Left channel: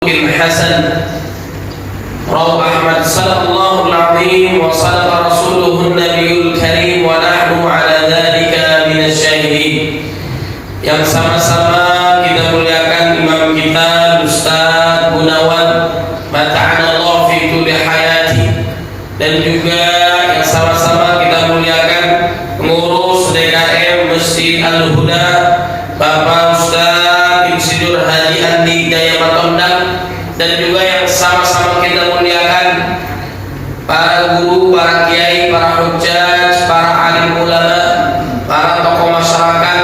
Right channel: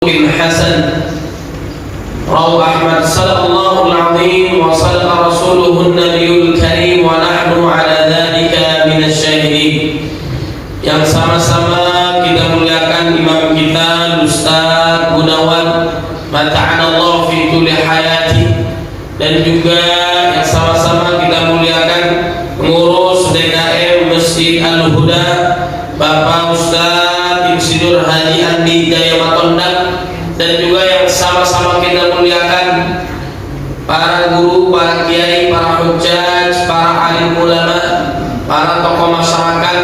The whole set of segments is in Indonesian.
الحسن روى أحمد صدق الله العظيم وصدق رسوله النبي الكريم ونحن على ذلك من الشاهدين. Yang sama-sama kita muliakan imam kita Ustaz Gunawan mata'anallah fi kulli hayati, dan juga yang sama-sama kita muliakan pengurus DKM Masjid Al-Huda Bapak Ustaz Insinyur Haji Andi Jaya Matondang, dan juga yang sama-sama kita muliakan para guru, para kiai, para hujjaj, para alim ulama, para tokoh masyarakat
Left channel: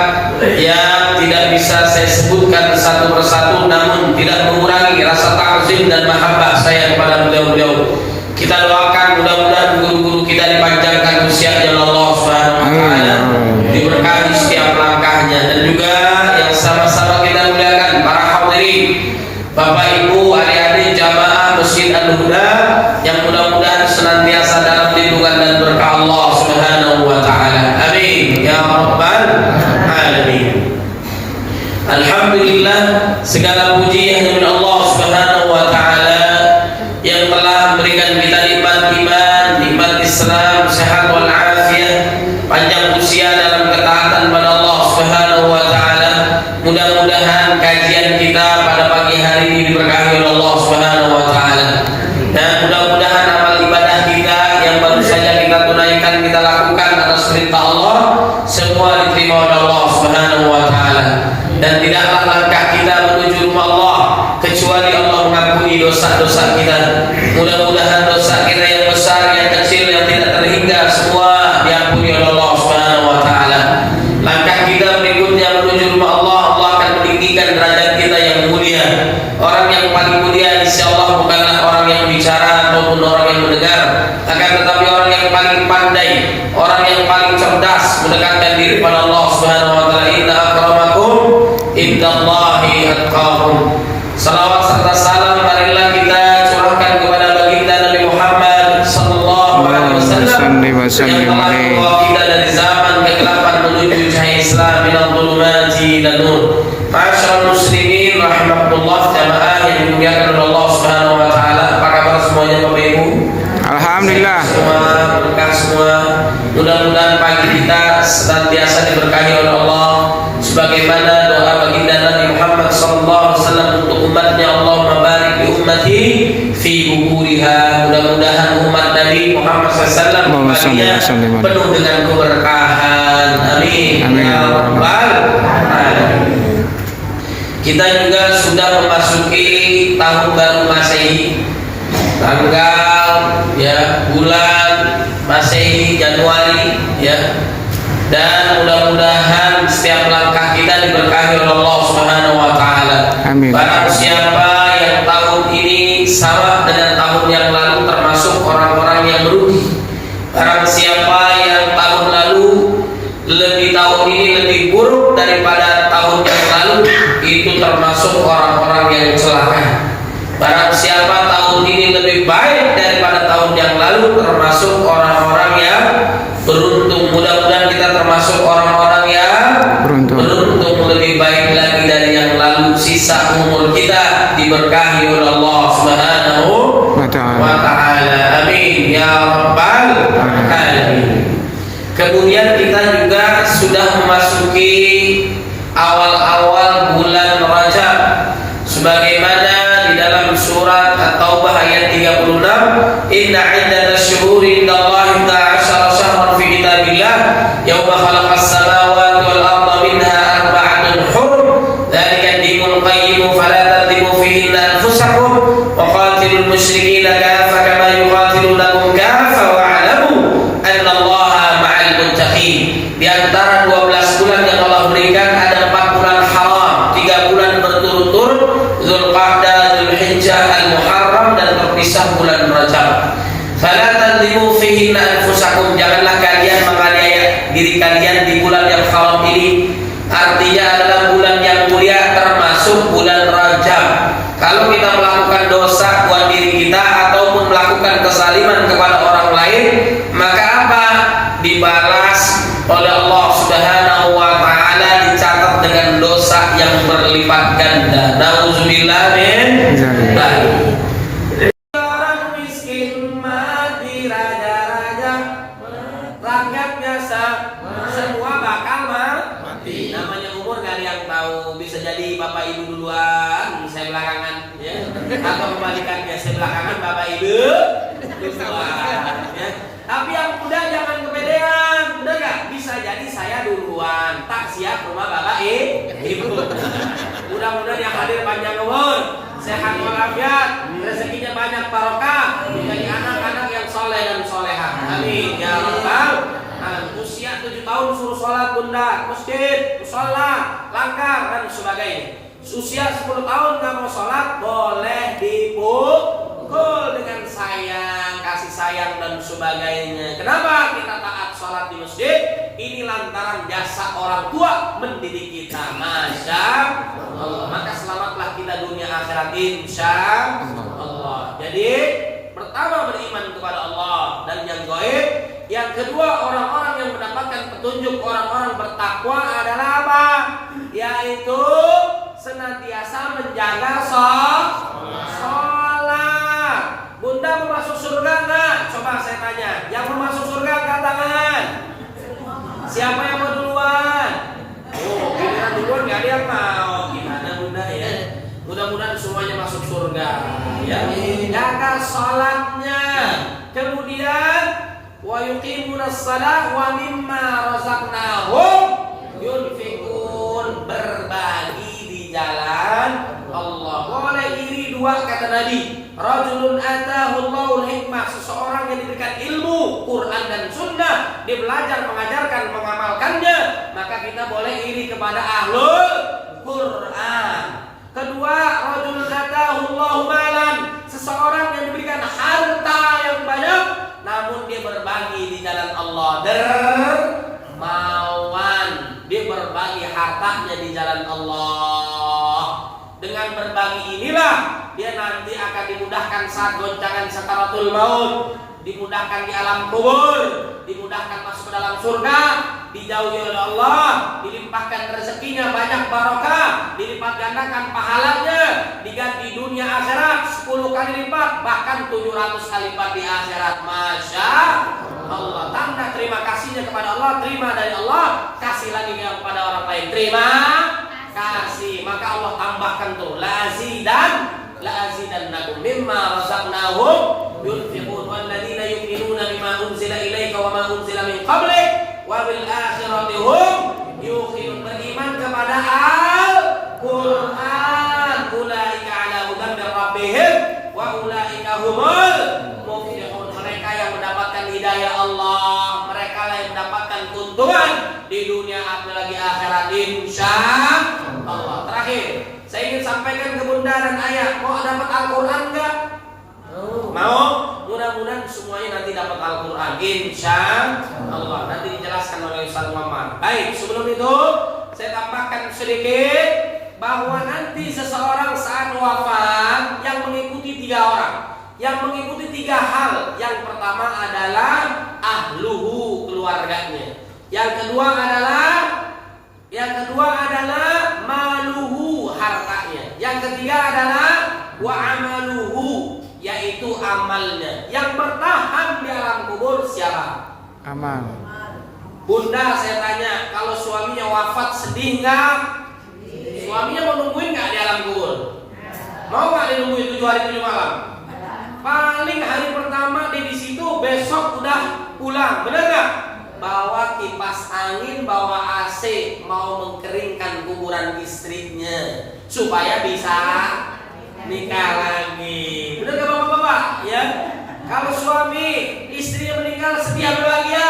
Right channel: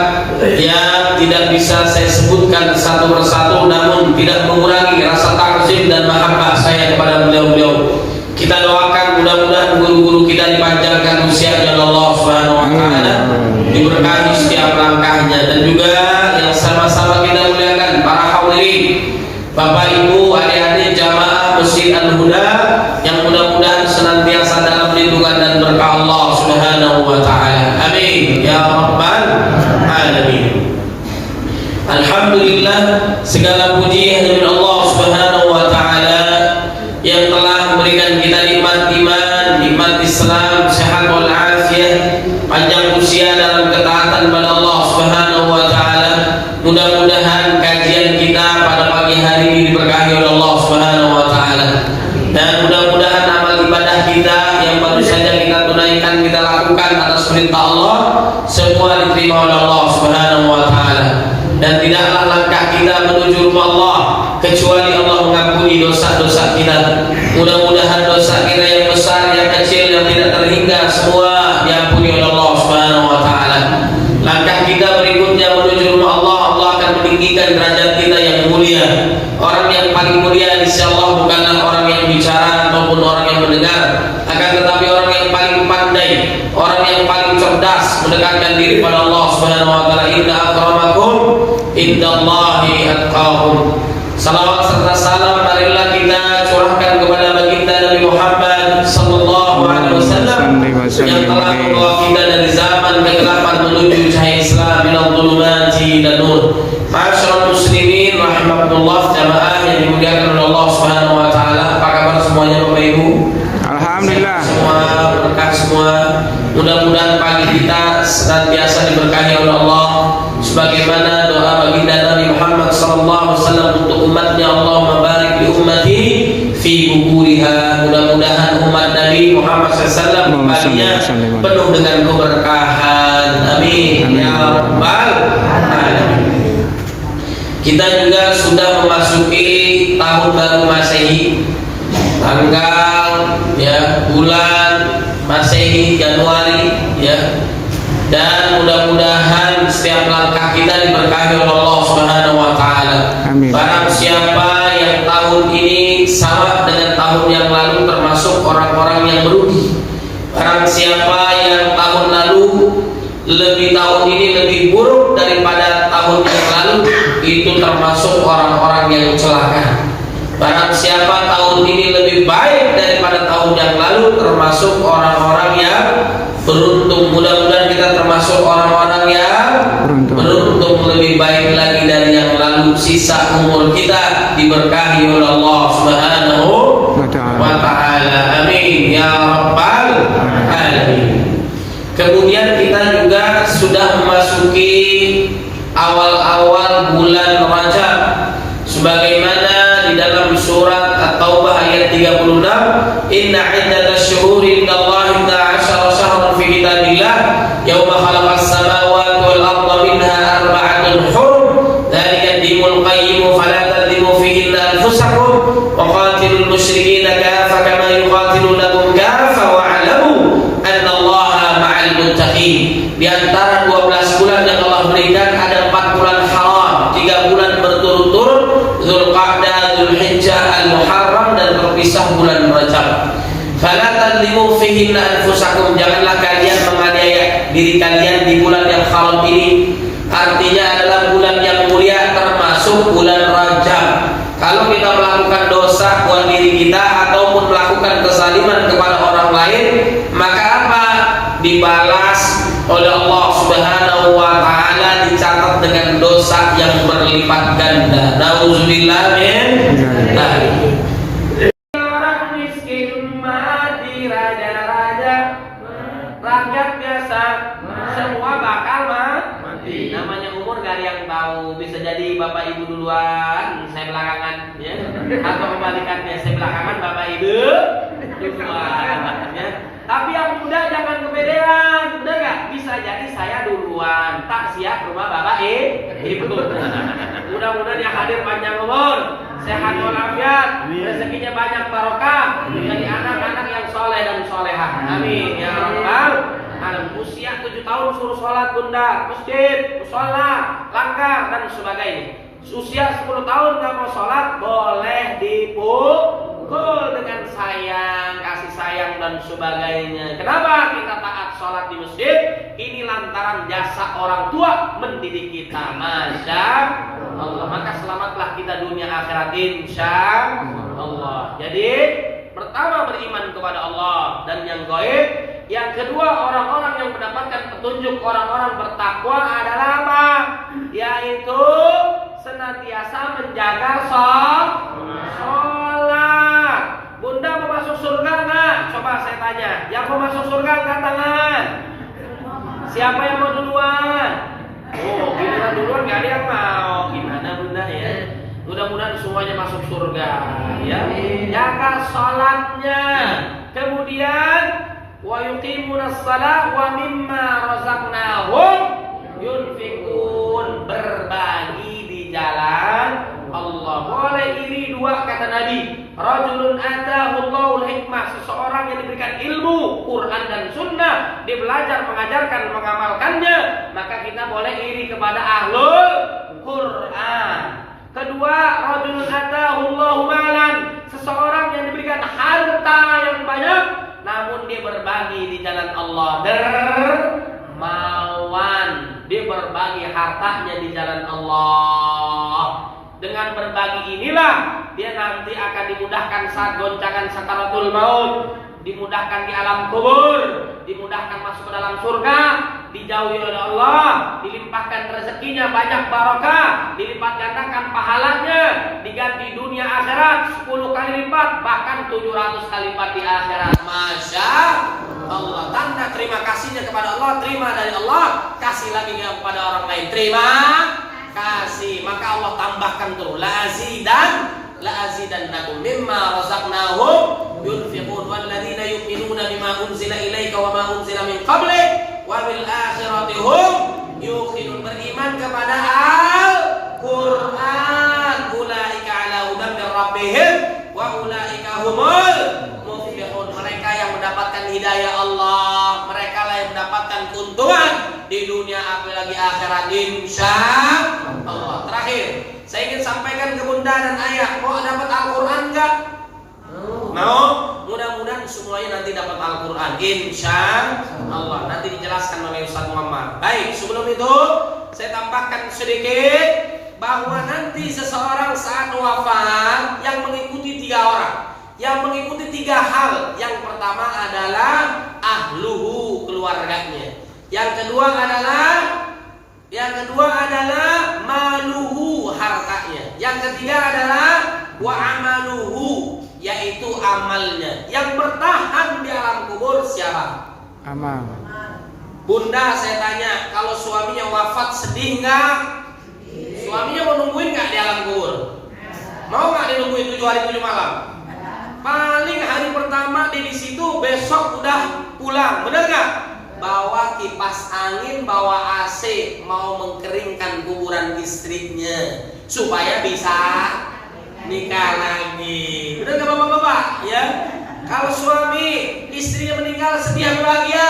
yang tidak bisa saya sebutkan satu persatu, namun tidak mengurangi rasa takzim dan mahabbah saya kepada beliau-beliau. Kita doakan mudah-mudahan guru-guru kita dipanjangkan usianya oleh Allah Subhanahu wa taala, diberkahi setiap langkahnya, dan juga yang sama-sama kita muliakan para hadirin, Bapak Ibu, adik-adik jamaah Masjid Al-Huda yang mudah-mudahan senantiasa dalam lindungan dan berkah Allah Subhanahu wa taala. Amin ya rabbal alamin. Alhamdulillah, segala puji hanya Allah Subhanahu wa taala yang telah memberikan kita nikmat iman, nikmat Islam, sehat wal afiyah, panjang usia dalam ketaatan kepada Allah Subhanahu wa taala. Mudah-mudahan kajian kita pada pagi hari ini diberkahi oleh Allah Subhanahu wa taala. Dan mudah-mudahan amal ibadah kita yang baru saja kita tunaikan, kita lakukan atas perintah Allah, semua diterima oleh Allah Subhanahu wa taala. Dan tidaklah langkah kita menuju rumah Allah kecuali Allah mengampuni dosa-dosa kita. Mudah-mudahan dosa kita yang besar, yang kecil, yang tidak terhingga, semua diampuni oleh Allah Subhanahu wa taala. Langkah kita berikutnya menuju rumah Allah, Allah akan meninggikan derajat kita yang mulia. Orang yang paling mulia insyaallah bukanlah orang yang bicara ataupun orang yang mendengar, akan tetapi orang yang paling pandai, orang yang paling cerdas mendekatkan diri pada Allah Subhanahu wa taala. Inna akramakum indallahi atqakum. Salawat serta salam marilah kita curahkan kepada baginda Nabi Muhammad sallallahu alaihi wasallam yang telah membawa kita dari zaman kegelapan menuju cahaya Islam, minal dhulumati ila nur. Ma'asyiral muslimin rahimakumullah, jamaah yang dimuliakan oleh Allah Subhanahu wa taala. Apa kabar semuanya Bapak Ibu? Alhamdulillah. Semua berkah semua. Mudah-mudahan pagi kita senantiasa diberkahi oleh Allah sebagaimana doa baginda Nabi Muhammad sallallahu alaihi wasallam untuk umatnya, Allahumma barik li ummati fi bukuriha. Mudah-mudahan umat Nabi Muhammad sallallahu alaihi wasallam penuh dengan keberkahan. Amin ya rabbal alamin. Kita juga sudah memasuki tahun baru Masehi, tanggal bulan Masehi Januari dan mudah-mudahan setiap langkah kita diberkahi oleh Allah Subhanahu wa taala. Amin. Barang siapa yang tahun ini sama dengan tahun yang lalu termasuk orang-orang yang merugi. Barang siapa yang tahun lalu tahun ini lebih buruk daripada tahun yang lalu, itu termasuk orang-orang yang celaka. Barang siapa tahun ini lebih baik daripada tahun yang lalu, termasuk orang-orang yang beruntung. Mudah-mudahan kita termasuk orang-orang yang beruntung, lebih baik lagi dari yang lalu. Sisa umur kita diberkahi oleh Allah Subhanahu wa ta'ala. Amin ya rabbal alamin. Kemudian kita juga sudah memasuki awal-awal bulan Rajab, sebagaimana di dalam surat At-Taubah ayat 36, inna iddatash syuhuri indallahi 12 syahran fi kitabillah yauma khalaqas samawati wal arda minha arba'atun hurum dzalika ad-dinul qayyim fala tadlimu fihinna anfusakum wa qatilul musyrikeena kaffa kama yuqatilunakum kaffa wa'lamu anna Allaha ma'al muttaqin. Di antara 12 bulan yang Allah berikan ada 4 bulan haram, 3 bulan berturut-turut, Dzulqa'dah, Dzulhijjah, Al-Muharram, dan berpisah bulan Rajab. Fala tadlimu fihinna anfusakum, janganlah kalian menganiaya diri kalian di bulan yang haram ini. Artinya adalah bulan yang mulia, termasuk bulan Rajab. Kalau kita melakukan dosa buat diri kita ataupun melakukan kezaliman kepada orang lain, maka apa? Dibalas oleh Allah Subhanahu wa taala, dicatat dengan dosa dosa yang berlipat ganda. Nauzubillah min dzalik. Orang miskin mati raja-raja, rakyat biasa semua bakal mati. Namanya umur gak ada yang tahu. Bisa jadi bapak ibu duluan, saya belakangan, ya. Atau kebalikannya, saya belakangan, bapak ibu duluan, ya. Tapi yang muda jangan kepedean, udah gak? Bisa jadi saya duluan, tak siap rumah bapak ibu. Mudah-mudahan yang hadir panjang umur, sehat walafiat, rezekinya banyak barokah, menjadi anak-anak yang soleh dan solehah. Amin ya rabbal alamin. Usia 7 tahun suruh sholat bunda, masjid, musola, langgar dan sebagainya. Usia 10 tahun nggak mau sholat, boleh dipukul dengan sayang, kasih sayang dan sebagainya. Kenapa kita taat sholat di masjid? Ini lantaran jasa orang tua mendidik kita. Masya Allah. Maka selamatlah kita dunia akhirat insya Allah. Jadi pertama beriman kepada Allah dan yang gaib. Yang kedua, orang-orang yang mendapatkan petunjuk, orang-orang bertakwa adalah apa? Yaitu senantiasa menjaga sholat. Bunda mau masuk surga enggak? Coba saya tanya. Yang mau masuk surga angkat tangan. Siapa yang mau duluan? Oh, giliran duluan nggak ada yang mau. Gimana bunda ya? Mudah-mudahan semuanya masuk surga. Ya, jaga sholatnya. Kemudian wa yuqimunas shalah wa mimma razaqnahum yunfiqun, berbagi di jalan Allah. Boleh iri dua kata Nabi. Rajulun atahu Allahul hikmah, seseorang yang diberikan ilmu Quran dan sunnah, dia belajar, mengajarkan, mengamalkannya, maka kita boleh iri kepada ahlul Quran. Kedua, rajulun atahu Allahu malan, seseorang yang diberikan harta yang banyak namun dia berbagi di jalan Allah, dermawan, dia berbagi hartanya di jalan Allah. Dengan berbagi inilah dia nanti akan dimudahkan saat goncangan sakaratul maut, dimudahkan di alam kubur, dimudahkan masuk ke dalam surga, dijauhi oleh Allah, dilimpahkan rezekinya banyak barokah, dilipat gandakan pahalanya, diganti dunia akhirat 10 kali lipat, bahkan 700 kali lipat di akhirat. Masya Allah. Tanda terima kasihnya kepada Allah, terima dari Allah, kasih lagi kepada orang lain, terima kasih. Maka Allah tambahkan tuh, la azidannakum mimma razaqnahum yunfiqun walladzina yu'minuna bima unzila ilaika wa ma unzila min qablik wa bil akhirati hum yuqinun, beriman kepada Al-Qur'an, ulaika ala hudan min rabbihim wa ulaika humul muflihun, mereka yang mendapatkan hidayah Allah, mereka lah yang mendapatkan keuntungan di dunia apalagi akhirat insya Allah. Terakhir, saya ingin sampaikan ke bunda dan ayah, mau dapat Al-Quran enggak? Mau? Mudah-mudahan semuanya nanti dapat Al-Quran insya Allah. Nanti dijelaskan oleh Ustaz Muhammad. Baik, sebelum itu saya tambahkan sedikit bahwa nanti seseorang saat wafat yang mengikuti 3 orang, yang mengikuti 3 hal. Yang pertama adalah ahluhu, keluarganya. Yang kedua adalah maluhu, hartanya. Yang ketiga adalah wa amaluhu, yaitu amalnya. Yang bertahan di alam kubur siapa? Amal. Bunda, saya tanya, kalau suaminya wafat sedih nggak? Suaminya mau nungguin nggak di alam kubur? Mau nggak dinungguin 7 hari 7 malam? Paling hari pertama di situ, besok udah pulang, benar nggak? Bawa kipas angin, bawa AC, mau mengkeringkan kuburan istrinya supaya bisa nikah lagi. Benar nggak bapak-bapak? Ya. Kalau suami istrinya meninggal sedih bahagia,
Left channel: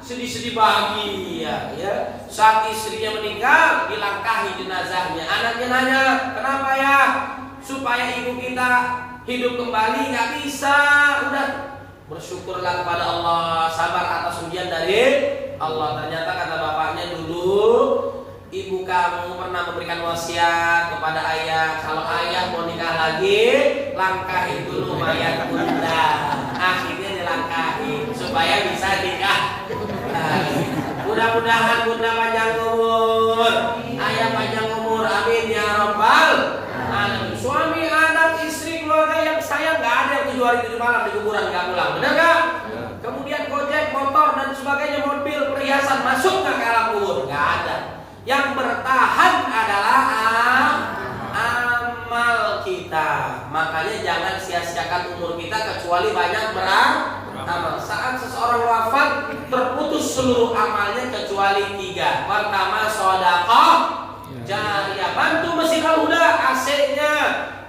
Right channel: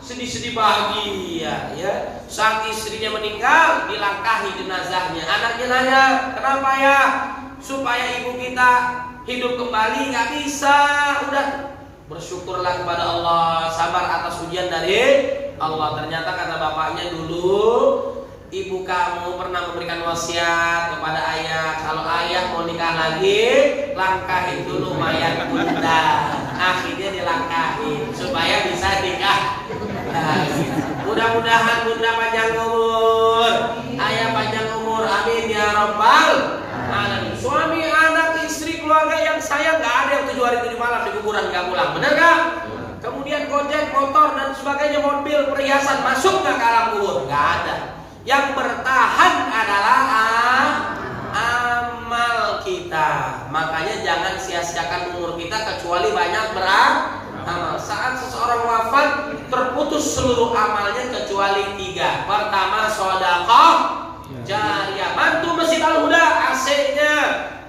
sedih-sedih bahagia. Ya. Saat istrinya meninggal, dilangkahi jenazahnya. Anaknya nanya, kenapa ya? Supaya ibu kita hidup kembali, nggak bisa. Udah. Bersyukurlah kepada Allah, sabar atas ujian dari Allah. Ternyata kata bapaknya dulu, ibu kamu pernah memberikan wasiat kepada ayah, kalau ayah mau nikah lagi, langkahin dulu mayat bunda. Akhirnya dilangkahin supaya bisa nikah lagi. Mudah-mudahan bunda panjang umur, ayah panjang umur. makmur, amin ya rabbal alamin. Suami, anak, istri, keluarga yang sayang, nggak ada yang 7 hari 7 malam di kuburan nggak pulang, benar nggak? Kemudian gojek, motor dan sebagainya, mobil, perhiasan masuk nggak ke alam kubur? Nggak ada. Yang bertahan adalah amal kita. Makanya jangan sia-siakan umur kita kecuali banyak beramal. Saat seseorang wafat terputus seluruh amalnya kecuali 3. Pertama, sedekah jariyah, bantu Masjid Al-Huda, AC-nya,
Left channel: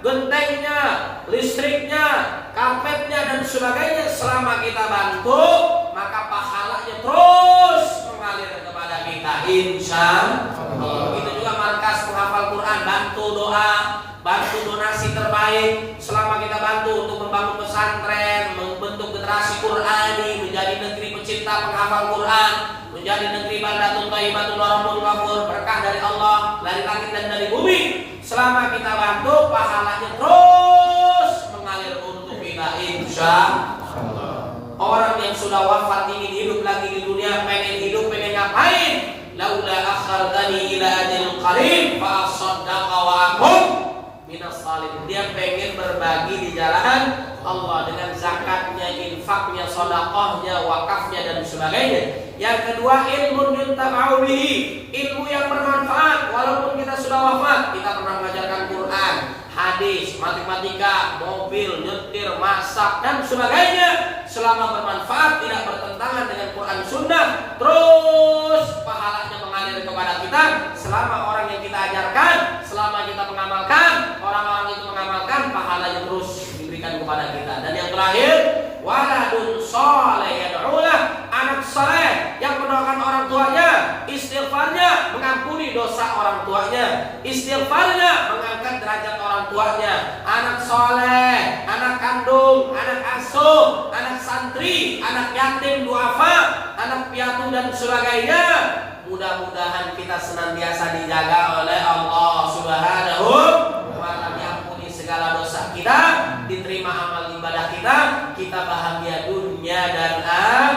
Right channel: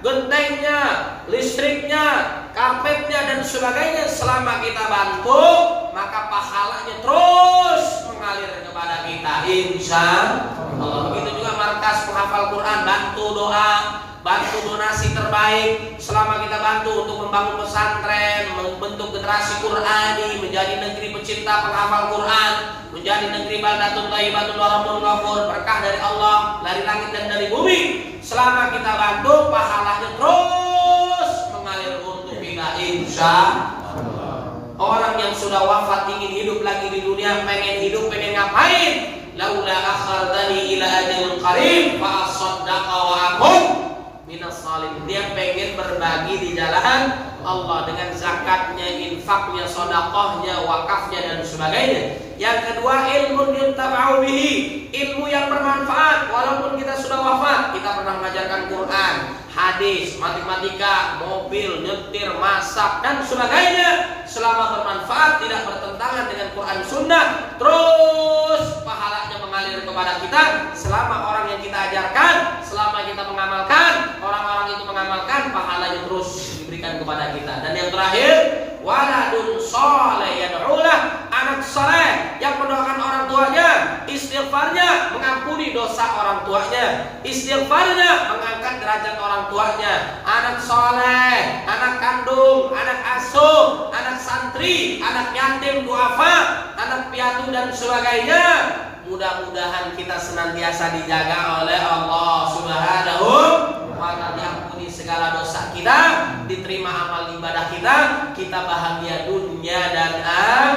gentengnya, listriknya, karpetnya dan sebagainya. Selama kita bantu, maka pahalanya terus mengalir kepada kita, insya Allah. Begitu juga markas penghafal Quran, bantu doa, bantu donasi terbaik. Selama kita bantu untuk membangun pesantren, membentuk generasi Qurani, menjadi negeri pecinta penghafal Quran, menjadi negeri baldatun thayyibatun wa rabbun ghafur, berkah dari Allah dari langit dan dari bumi. Selama kita bantu, pahalanya terus mengalir untuk kita, insya Allah. Orang yang sudah wafat ingin hidup lagi di dunia, pengen hidup, pengen ngapain? Laula akhartani ila ajalin qarib fa asaddaqa wa akun minas salihin. Dia pengen berbagi di jalan Allah dengan zakatnya, infaknya, sedekahnya, wakafnya dan sebagainya. Yang kedua, ilmu yuntaba'u bihi, ilmu yang bermanfaat. Walaupun kita sudah wafat, kita pernah mengajarkan Quran, hadis, matematika, mobil, nyetir, masak dan sebagainya. Selama bermanfaat, tidak bertentangan dengan Quran Sunnah, terus pahalanya mengalir kepada kita. Selama orang yang kita ajarkan, selama kita mengamalkan, orang-orang itu mengamalkan, pahalanya terus diberikan kepada kita. Dan yang terakhir, waladun sholeh yad'ulah, anak saleh yang mendoakan orang tuanya, istighfarnya mengampuni dosa orang tuanya, istighfarnya mengangkat derajat orang tuanya. Anak soleh, anak kandung, anak asuh, anak santri, anak yatim duafa, anak piatu dan sebagainya. Mudah-mudahan kita senantiasa dijaga oleh Allah Subhanahu wa ta'ala, diampuni segala dosa kita, diterima amal ibadah kita, kita bahagia dunia dan akhirat.